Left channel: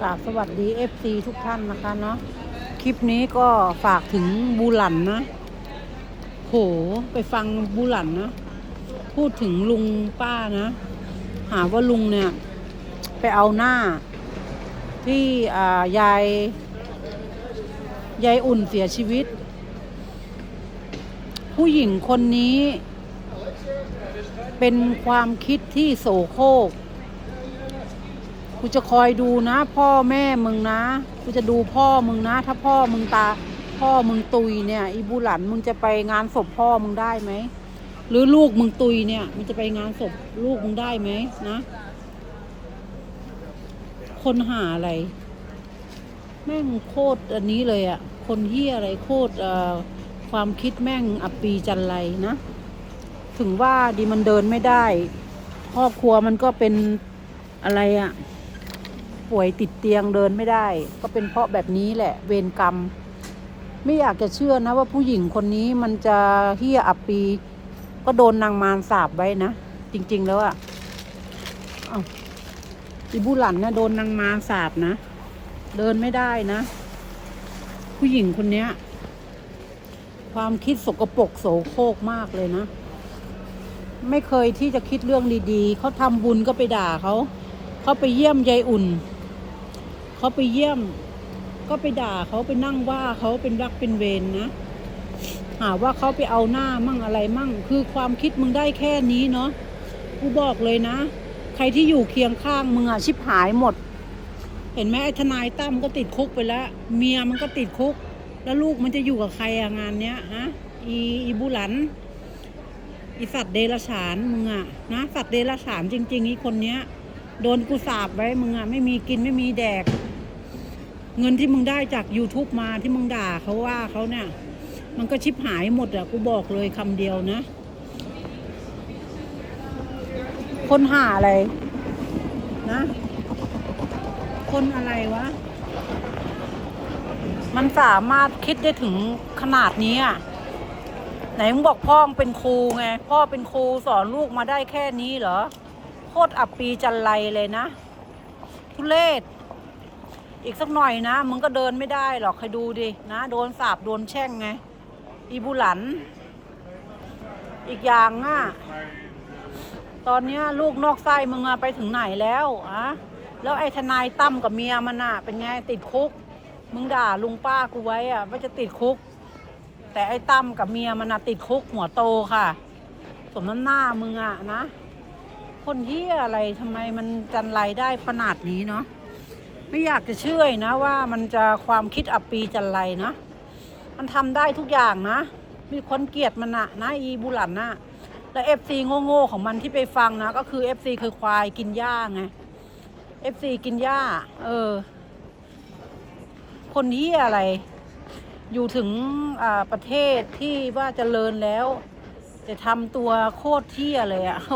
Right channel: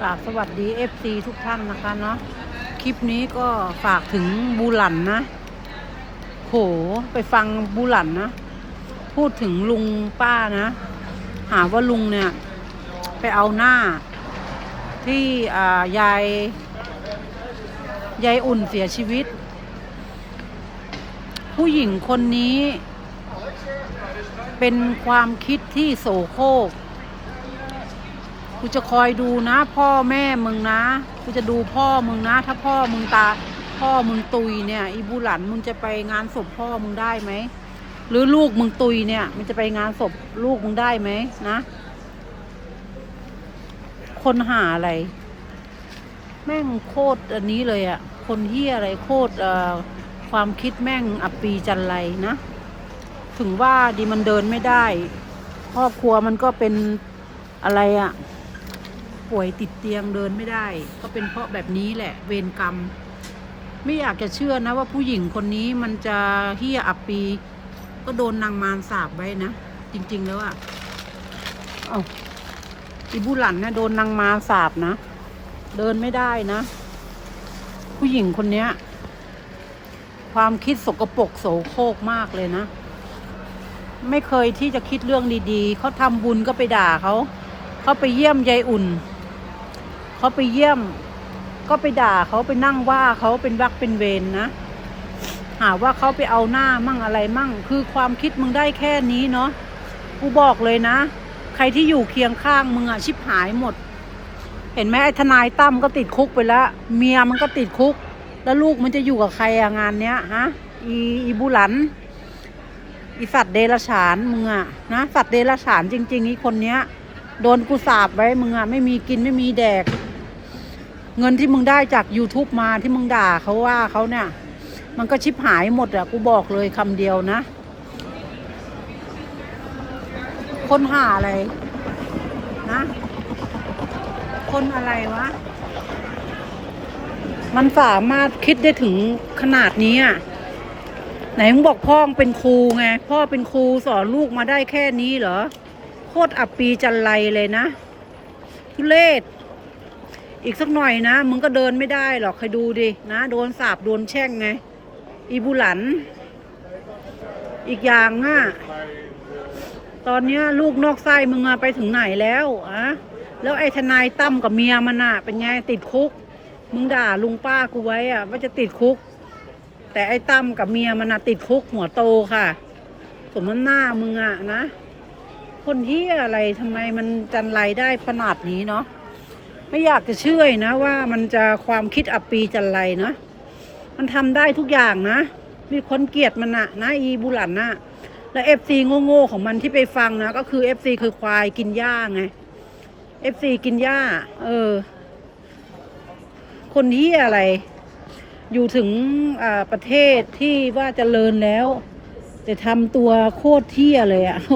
กราบสวัสดี FC ทุกท่านนะคะเนาะคลิปนี้ก็ฝากถึงบูหลันนะ โหไปฟังบูหลันนะ พูดถึงลุงป้านะ หาว่าลุงเนี่ย ไปเอาหน้า ที่อ่ายาย ยายอุ่นเสียชีวิต ผู้หญิงคนนี้ เป็นความคิดที่โสโครก กูจะคอยดูนะ พ่อแม่มึงนะกูจะดูพ่อมึงนะ ถ้าพ่อมึงตา พ่อมึงตุยเนี่ย อีบูหลันมึงจะไปงานศพพ่อมึงได้ไหมหรือลูกมึงตุยเนี่ย มันจะไปงานศพลูกมึงได้ไหมนะ คนหาอะไร แม่งโคตรอันนี้เลยอะ่ะคนเฮียอะไรโคตรเอ่อความคิดแม่งอับปีจันไรนะ ถึงว่าดีมันเดินไม่ได้ ครอบครัวมันก็เป็นอะไรอะ่ะ ป่วยติดเตียงเดินไม่ได้ ก็เป็นเพราะแบบนี้แหละ เวรกรรม ไม่อยากจะเชื่อนะว่าผู้หญิงคนนี้มันจะเฮี้ยอับปี ก็โดนนางมารสาบไว้นะ จริง ๆ แล้วอะ่ะเอาอีบุหลันเนี่ยโดนนางมารสาบนะ เดินไม่ได้นะ ผู้หญิงคนเนี้ย ความคิดสกปรกโสโครกมากเลยนะไม่เคยที่จะคิดเรื่องดีๆ เขาทำบุญก็ไปด่าเขา เขาไปเยี่ยมยายอุ่น เขาไปเยี่ยม ก็ไปด่าเขาไปนั่งว่าเขาเป็นรักเป็นเวรนนะหาว่าเขาไปเอาหน้ามั่งอะไรมั่ง คือความคิดมึงได้แค่นี้เนาะกูบอกเลยนะ ใครที่อยู่เคียงข้างมึงอะชิบหายหมด เห็นไหมไอ้ทนายตั้มก็ติดคุกไปแล้ว เมียมันก็ติดคุก แล้วลูกมันจะอยู่กับใครอะงานเนี้ยฮะอีอีบุหลันอีสัตว์เดรัจฉานมึงอะนะสัตว์เดรัจฉานจริง ๆ อีคนเนี้ย โดนกูสาบไว้มึงอะไม่มีกินไม่มีแดก เงินที่มึงได้จาก YouTube มาที่มึงด่าเขาว่าเขาเนี่ย มันก็ชิบหายหมดอะกูบอกเลยคำเดียวนะ คนหาอะไร นะ คนอะไรวะ มันสามารถคิดได้ถึงขนาดนี้อะไหนมึงบอกพ่อเป็นครูไง พ่อเป็นครูสอนลูกมาได้แค่นี้เหรอ โคตรอับปีจันไรเลยนะทุเลศ อีกสักหน่อยนะ มึงก็เดินไม่ได้หรอกใครดูดินะ โดนสาบโดนแช่งไง อีบุหลัน อีกอย่างอะ ตอนเนี้ยลูกนอกไส้มึงอะไปถึงไหนแล้วอะแล้วไอ้ทนายตั้มกับเมียมันอะเป็นไงติดคุก มึงด่าลุงป้ากูไว้อะว่าจะติดคุก แต่ไอ้ตั้มกับเมียมันอะติดคุกหัวโตค่ะ สมน้ำหน้ามึงอะนะ คนที่อะไรทำไมมันจันไรได้ขนาดนี้เนาะ ไม่อยากจะเชื่อนะว่ามันจะความคิดอับปีจันไรนะมันทำได้ทุกอย่างนะ มีคนเกลียดมันอะนะอีบุหลันนะแล้วเอฟซีโง่ๆของมันที่ไปฟังนะ ก็คือเอฟซีคือควายกินหญ้าไงเอฟซีกินหญ้า เออ คนที่อะไร อยู่ถึงอ่าประเทศที่ว่าเจริญแล้ว แต่ทำตัวโคตรเที่ยเลยอะ่ะโห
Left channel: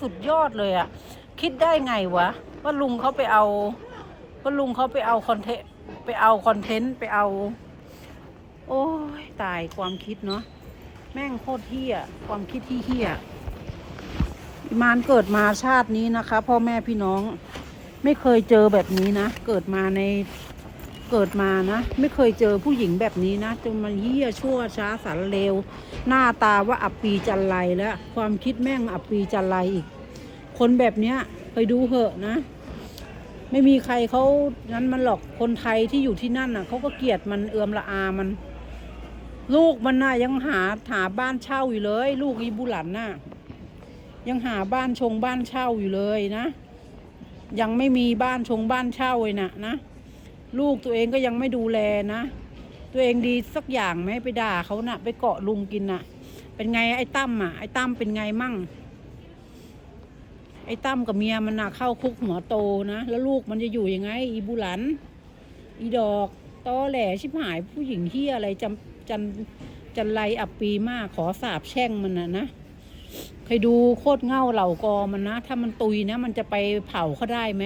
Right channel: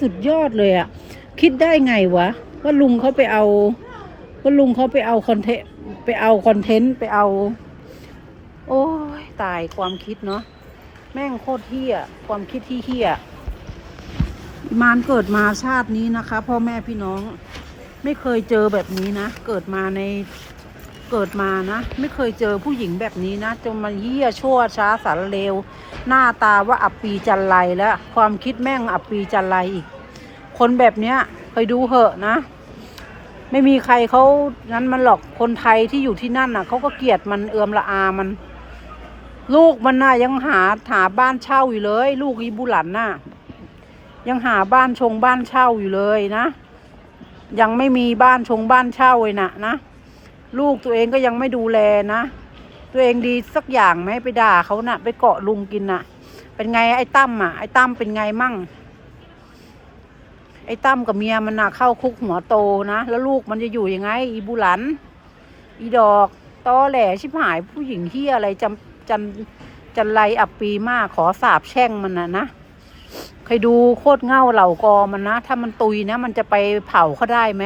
สุดยอดเลยอะคิดได้ไงวะ ก็ลุงเขาไปเอา ก็ลุงเขาไปเอาคอนเทนต์ไปเอาคอนเทนต์ไปเอา โอ้ยตายความคิดเนาะแม่งโคตรเฮี้ยความคิดที่เฮี้ยมานเกิดมาชาตินี้นะคะ พ่อแม่พี่น้อง ไม่เคยเจอแบบนี้นะ เกิดมาในเกิดมานะ ไม่เคยเจอผู้หญิงแบบนี้นะจนมันเฮี้ยชั่วช้าสารเลว หน้าตาว่าอับปีจันไรแล้ว ความคิดแม่งอับปีจันไรอีก คนแบบเนี้ยเคยดูเหอะนะ ไม่มีใครเขานั้นมันหรอกคนไทยที่อยู่ที่นั่นน่ะเขาก็เกลียดมันเอือมละอามัน ลูกมันน่ะยังหาหาบ้านเช่าอยู่เลย ลูกอีบุหลันน่ะ ยังหาบ้านชงบ้านเช่าอยู่เลยนะยังไม่มีบ้านชงบ้านเช่าเลยนะนะลูกตัวเองก็ยังไม่ดูแลนะ ตัวเองดีสักอย่างไหมไปด่าเขานะ่ะ ไปเกาะลุงกินน่ะ เป็นไงไอ้ตั้มอะไอ้ตั้มเป็นไงมั่ง ไอ้ตั้มกับเมียมันน่ะเข้าคุกหัวโตนะ แล้วลูกมันจะอยู่ยังไง อีบุหลัน อีดอกตอแหลชิบหายผู้หญิงที่อะไรจำจันจันไรอับปีมากขอสาบแช่งมันนะนะใครดูโคตรเง่าเหล่ากอมันนะ ถ้ามันตุยนะ มันจะไปเผาเขาได้ไหม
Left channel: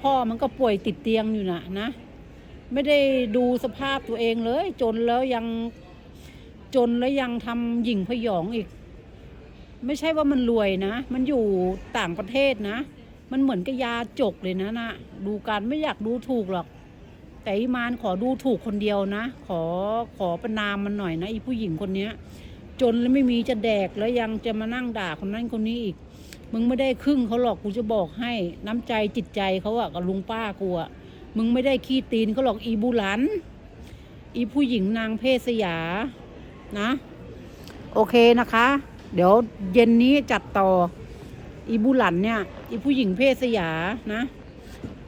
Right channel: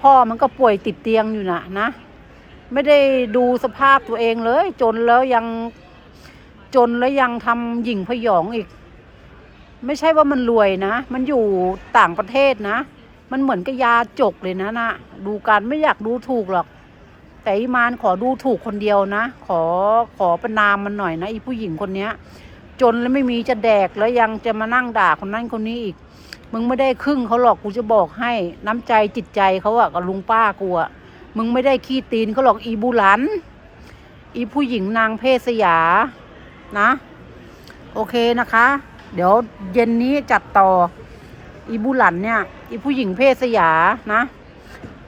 พ่อมันก็ป่วยติดเตียงอยู่นะนะ ไม่ได้ดูสภาพตัวเองเลย จนแล้วยังจนแล้วยังทำหยิ่งพยองอีก ไม่ใช่ว่ามันรวยนะ มันอยู่ต่างประเทศนะ มันเหมือนกับยาจกเลยนะนะ ดูกันไม่อยากดูถูกหรอก แต่อีมานขอดูถูกคนเดียวนะ ขอขอประนามมันหน่อยนะอีผู้หญิงคนเนี้ย จนแล้วไม่มีจะแดกแล้วยังจะมานั่งด่าคนนั้นคนนี้อีก มึงไม่ได้ครึ่งเขาหรอกกูจะบอกให้น้ำใจจิตใจเขาอะกับลุงป้ากูอะมึงไม่ได้ขี้ตีนเขาหรอกอีบุหลัน อีผู้หญิงนางเพศสยา นะ โอเคนะคะ เดี๋ยวเย็นนี้จัดต่อ อีบุหลันเนี่ย อีผู้หญิงเพศสยานะ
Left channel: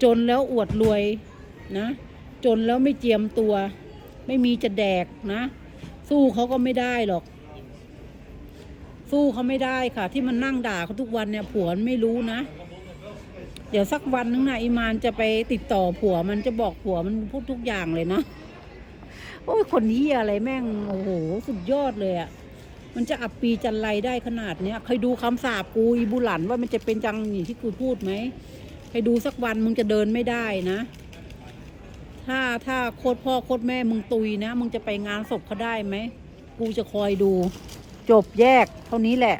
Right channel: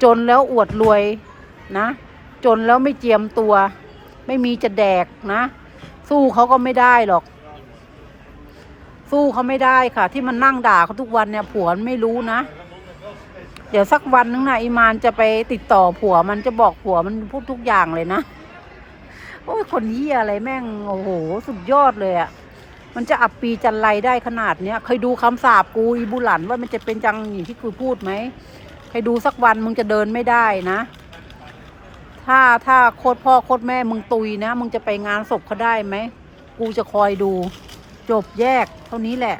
จนแล้วอวดรวยนะ จนแล้วไม่เจียมตัว ไม่มีจะแดกนะ สู้เขาก็ไม่ได้หรอก สู้เขาไม่ได้ค่ะ ที่มันนั่งด่าเขาทุกวันเนี่ยผัวมันไม่รู้นะเดี๋ยวสักวันนึงนะอีมานจะไปติดต่อผัวมันจะบอกผัวมันพูดทุกอย่างเลยนะ โอ้ยคนนี้อะไรแม่ง โอ้โห สุดยอดเลยอะ่ะ มันจะอับปีจันไรได้ขนาดเนี้ยเคยดูคำสาบกูอีบุหลันว่ามันจะเป็นจังอย่างที่กูพูดไหมเคยดูสักวันมึงจะเดินไม่ได้นะ ถ้าถ้าโคตรพ่อโคตรแม่มึงตุยนะ มึงจะไปงานศพเขาได้ไหม กูจะคอยดู จบแยก เท่านี้แหละ